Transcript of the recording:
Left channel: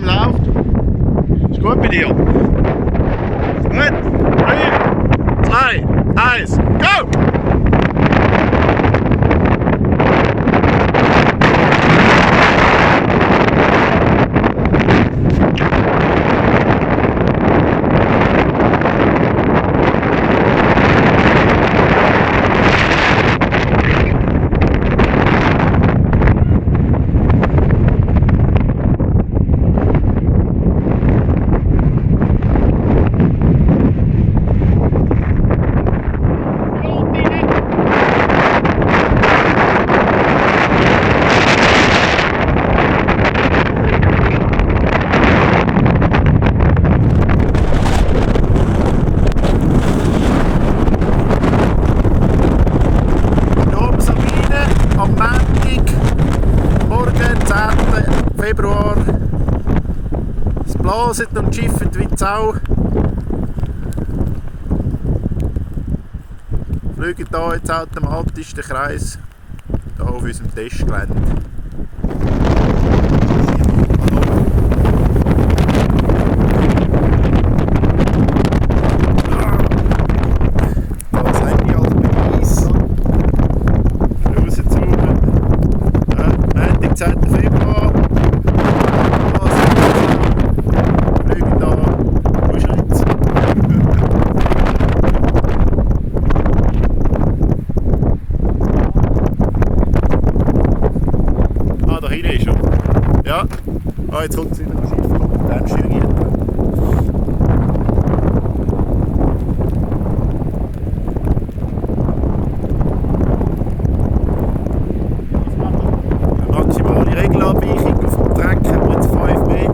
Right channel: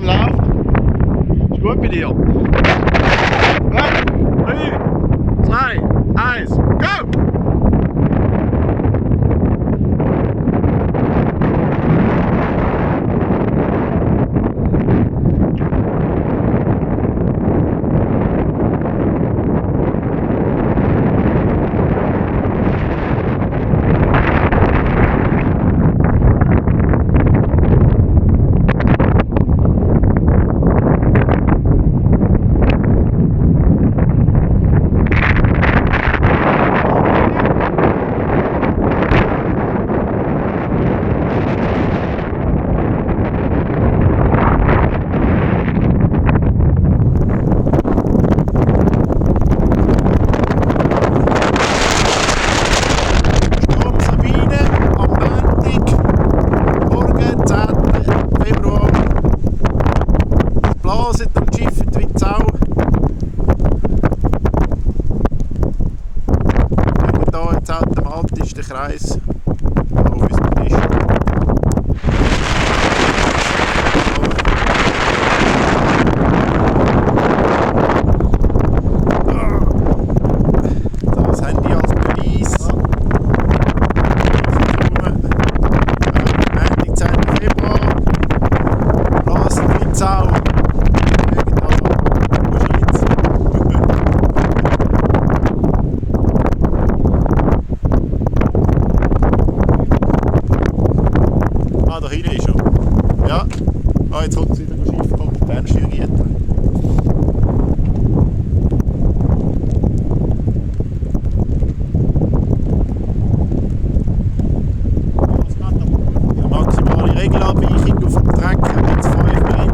Airframe läuft. Ist gut bei dir? Gut. 3, 2, 1, go! Februar. Es blaset am Schiff wie die Sau. Wir schauen hier jetzt automatisch den Kreis auf unserem Testgelände. Das Handy als Beweis. Montag, 10. Februar. Da hinten ist er. Ja. Ah, jetzt kommt es wieder ein Schiff, Kompetenzsteuergitter. Eine maximale Regelabweichung auf dem Trecker mit 5 mm.